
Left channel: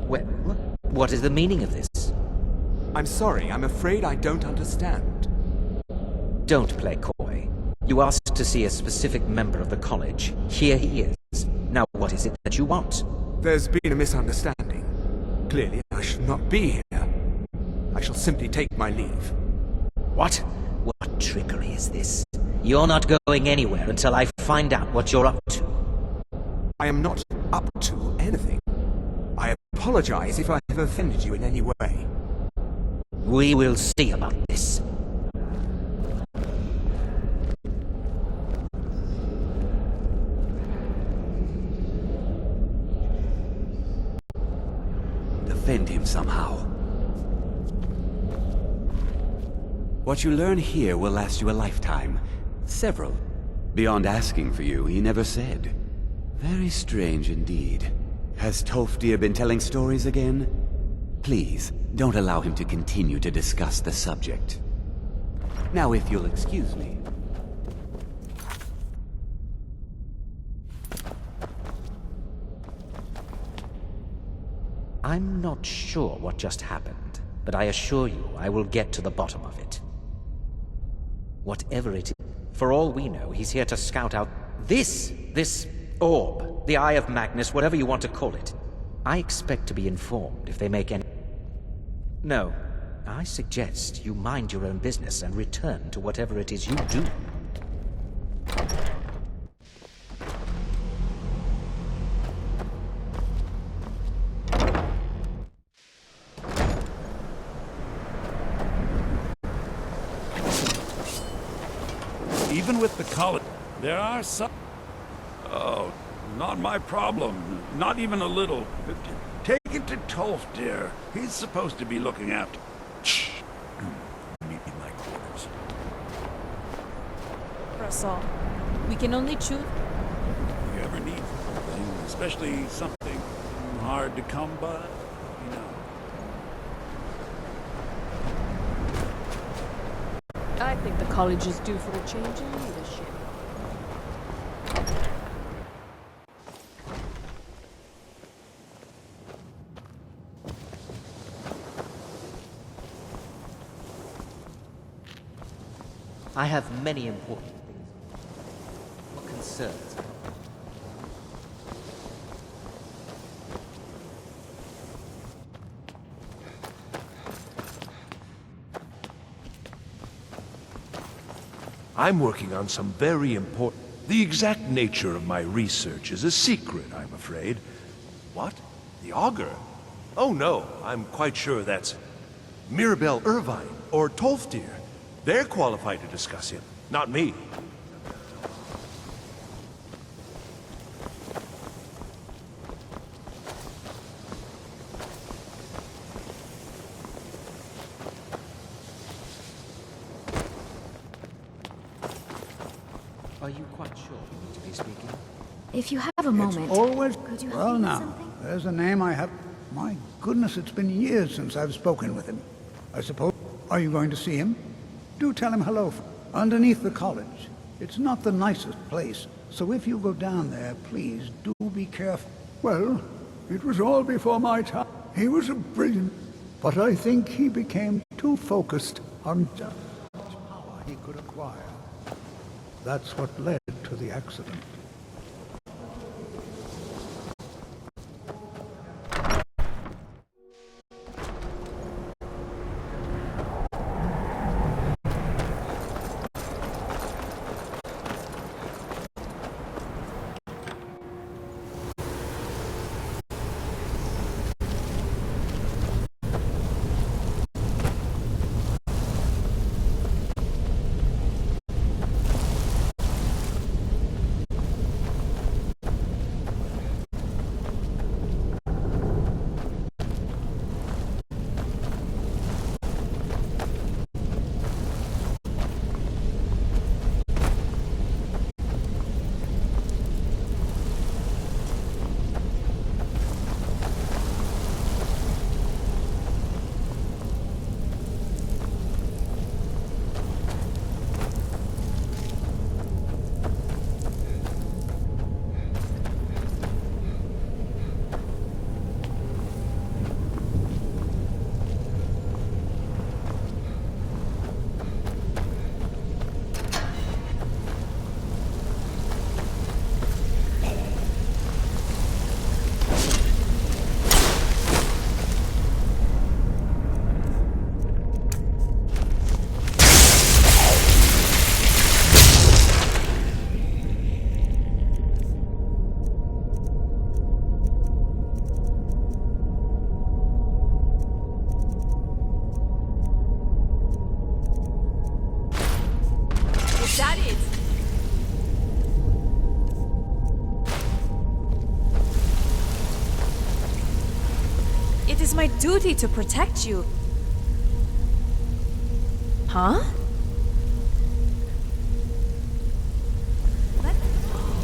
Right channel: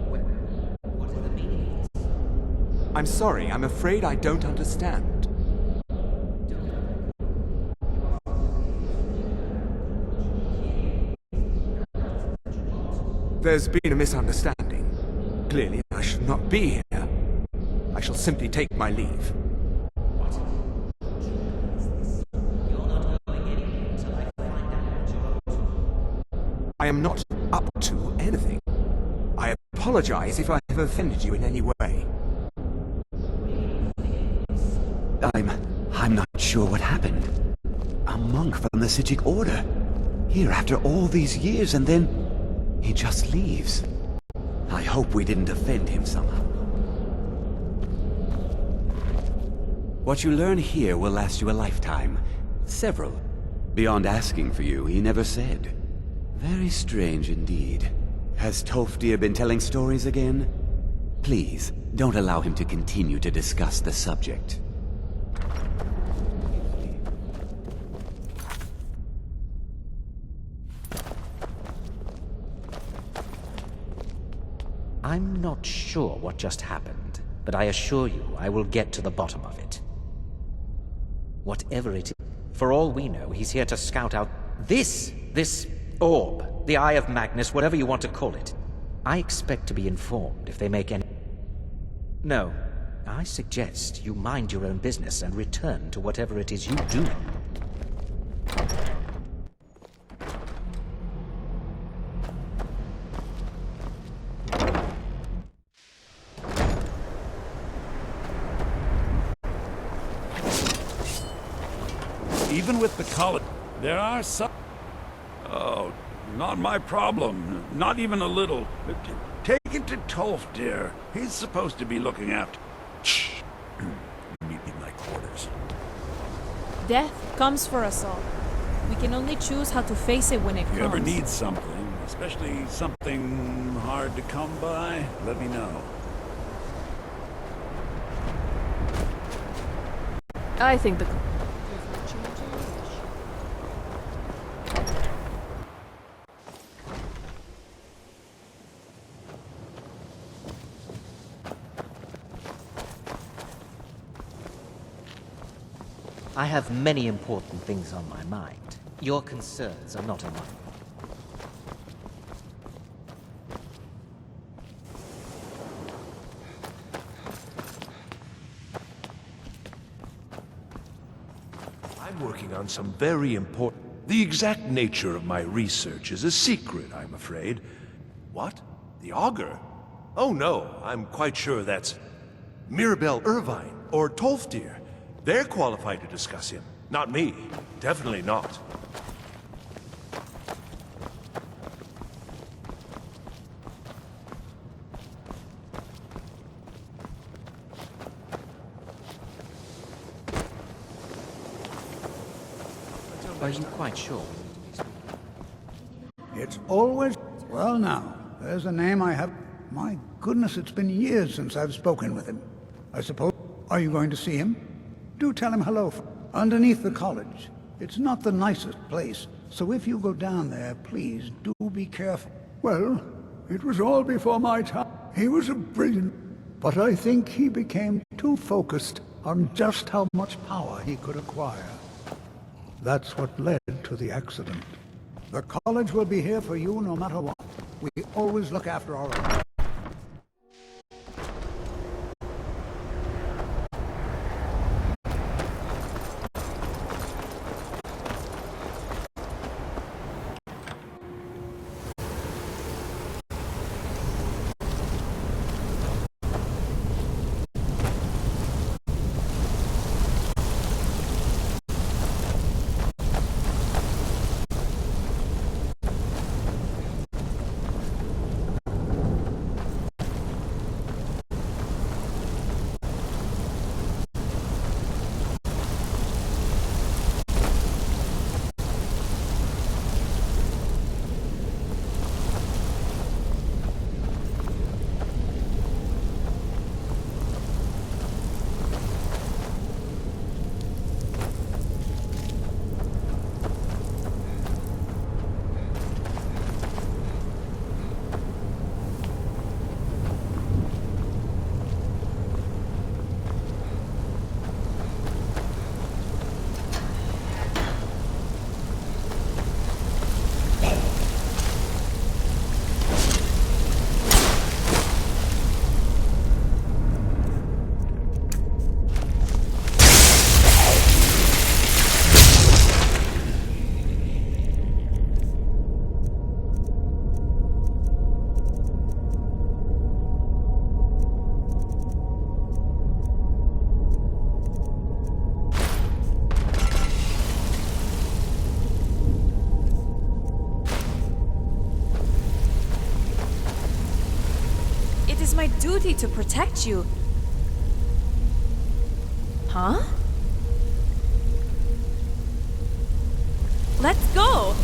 Well, what is the meaning of this? I'm sorry, I'm afraid I don't understand. Don't play coy. You asked to see a specific member of the college. Here he is. Now what is it that you want? There's been a misunderstanding. Clearly, I should not be here. I shall simply take my leave. What? What trickery is this? You're not going anywhere until I find out what you're up to. I am not up to anything. I apologize if I have offended you in any way. We will see about this. I'm not sure what happened. A monk from the Psijic Order. Here after all these years, and then he just leaves. I hope we didn't offend him somehow. What you learn here will last you a lifetime. Several. Beyond asking for you, he never said. Very strange indeed. Has Tolfdir been telling stories again? Please, don't allow him to continue to discuss the subject. Now if you'll excuse me. I'm not sure what just happened, but I assure you I will get to the bottom of it. Whatever it is, for all we know, he's here to scout out this Orb, the Eye of Magnus, whatever you want to call it. I expect to be informed if they make any... No, I suggest you mind your own business and return to whatever it is you do. Even with the college, there are some... Oh, not my problem. Not even a little. Take it to Tolf, dear. He's supposed to be looking after... Shh. Meet me in my quarters. Death comes for us all. We can only choose how to face it when it comes. If you ever need something, especially something hard to come by, let me know. I think the college is due for a change in leadership. I have many important things on my mind. Your concerns are not among them. I'm working on some very important... The exact nature of my research is a secret, I'm afraid. What? The Augur? Oh no, I'm quite sure that's Mirabelle Irvine or Tolfdir. They're qualified to discuss him, not me. Definitely not. Are you quite sure we need to be speaking? If you have a moment... It's always... could you help Well me with now, something? there's a name I have... My goodness, it's been years since I've spoken with him. I suppose... Are you going to see him? Do tell him hello. Underneath the college. It's not the nicest place, so if you go down there, please do be careful. Well, it was all before my time. He was a brilliant... But I think he became too focused on just how much power he could acquire. That's what led to the accident. The college will be here for you no matter what. We always look after our own. It is my duty to protect you. Huh? Let's go!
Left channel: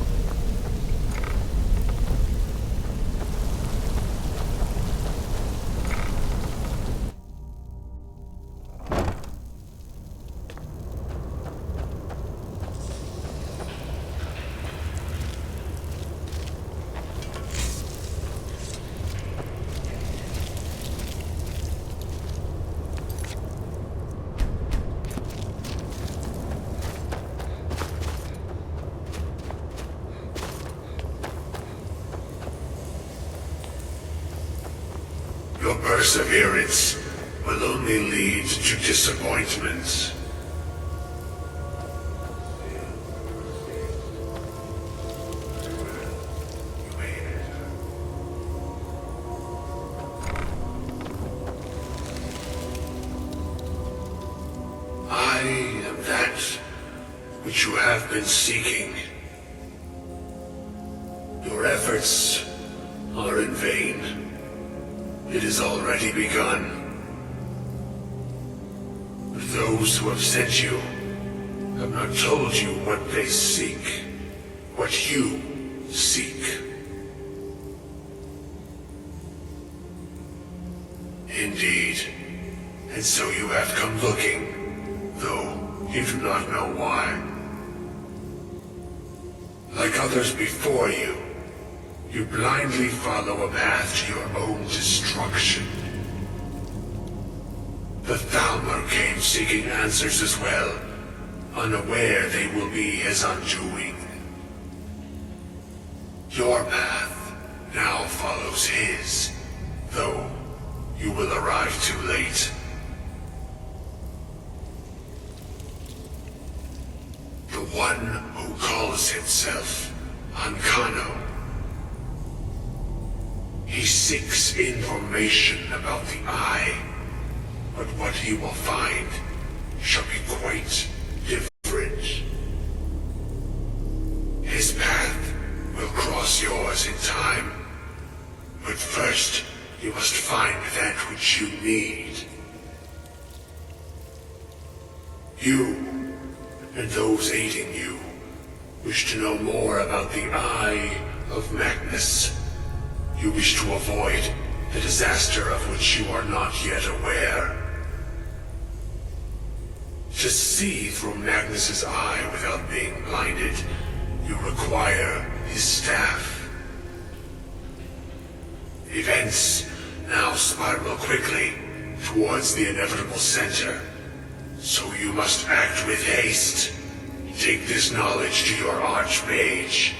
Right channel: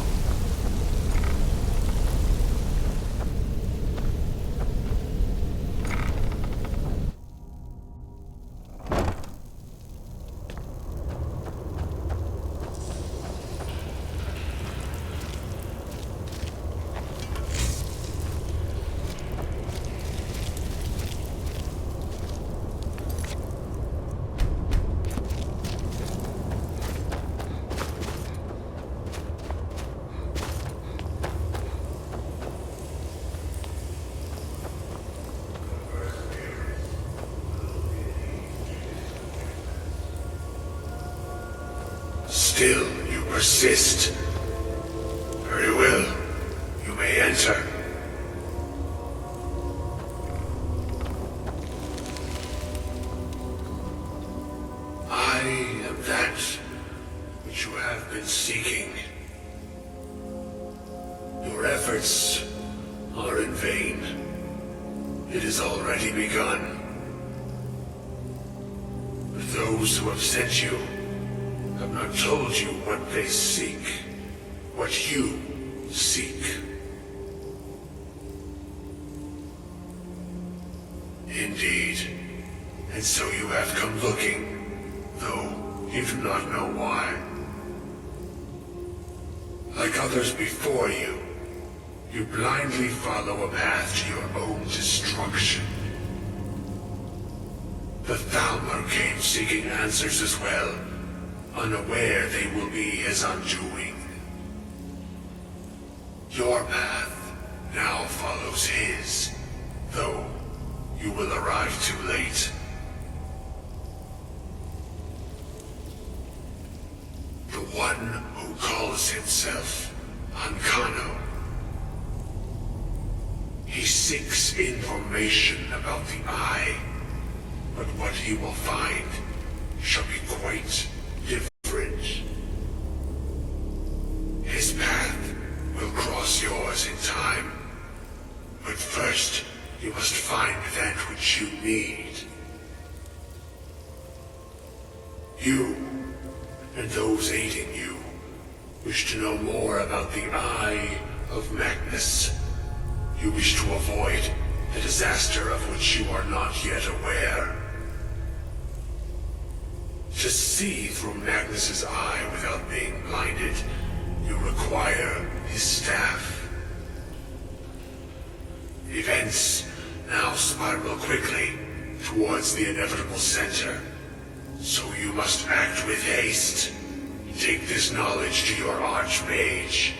Your perseverance will only lead to disappointments. Still, you persist. Very well. You may enter. I am that which you have been seeking. Your efforts are in vain. It has already begun. But those who have sent you have not told you what they seek, what you seek. Indeed. And so you have come looking, though you do not know why. Like others before you, you blindly follow a path to your own destruction. The Thalmor came seeking answers as well, unaware they will be his undoing. Your path now follows his, though you will arrive too late. The one who calls himself Ancano. He seeks information about the Eye, but what he will find shall be quite different. His path will cross yours in time, but first you must find that which you need. You, and those aiding you, wish to know more about the Eye of Magnus. You wish to avoid the disaster of which you are not yet aware. To see through Magnus's eye without being blinded, you require his staff. Events now spiral quickly towards the inevitable center, so you must act with haste. Take this knowledge to your Archmage.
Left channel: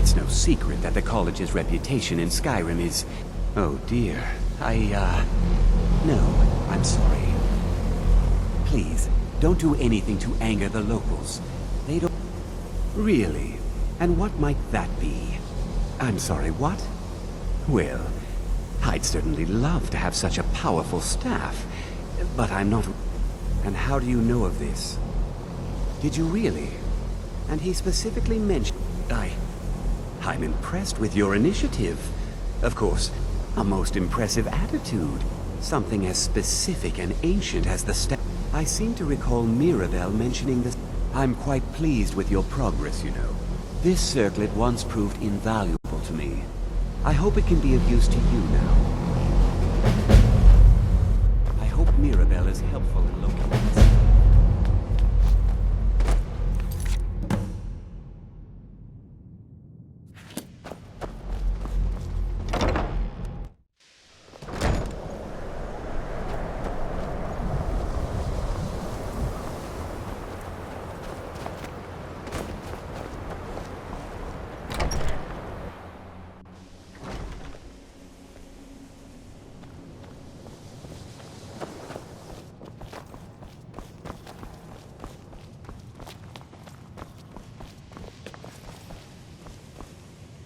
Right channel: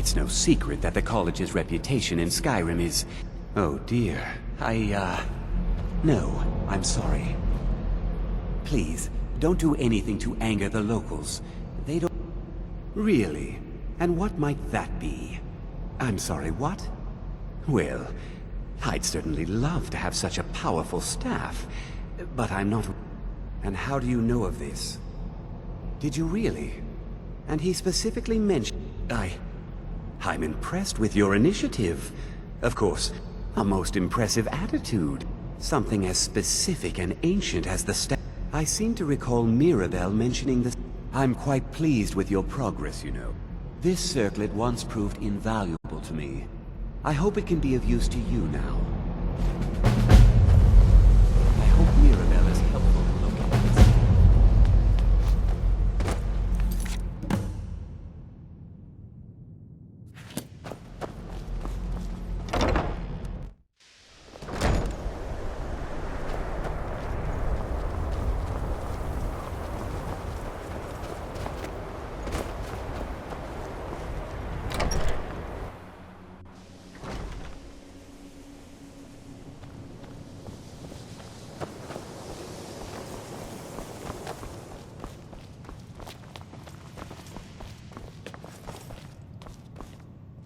It's no secret that the college's reputation in Skyrim is... Oh dear. No, I'm sorry. Please, don't do anything to anger the locals. They don't... Really? And what might that be? I'm sorry, what? Well, I'd certainly love to have such a powerful staff, but I'm not... And how do you know of this? Did you really? And he specifically mentioned... I'm impressed with your initiative. Of course, a most impressive attitude. Something as specific and ancient as the staff. I seem to recall Mirabelle mentioning this. I'm quite pleased with your progress, you know. This circlet once proved invaluable to me. I hope it can be of use to you now. I hope Mirabelle is helpful in locating this.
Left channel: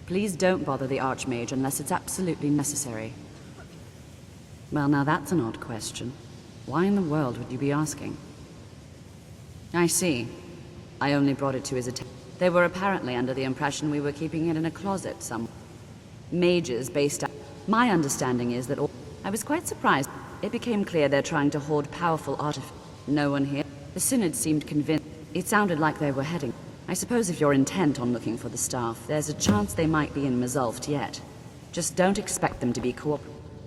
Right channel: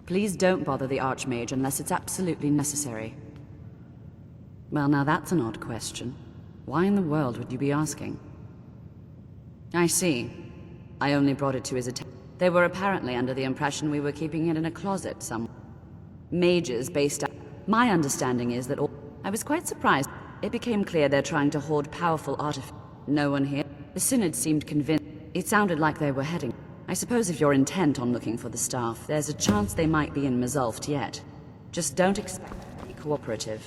Please don't bother the Archmage unless it's absolutely necessary. Well, now that's an odd question. Why in the world would you be asking? I see. I only brought it to his attention. They were apparently under the impression we were keeping it in a closet somewhere. Mages based out... My understanding is that all... I was quite surprised. It became clear they're trying to hoard powerful artifacts. No one here. The Synod seemed convinced. It sounded like they were heading... I suppose if you're intent on looking for the staff, there's a chance they might be in Mazulft yet. Just don't expect them to be cooperative.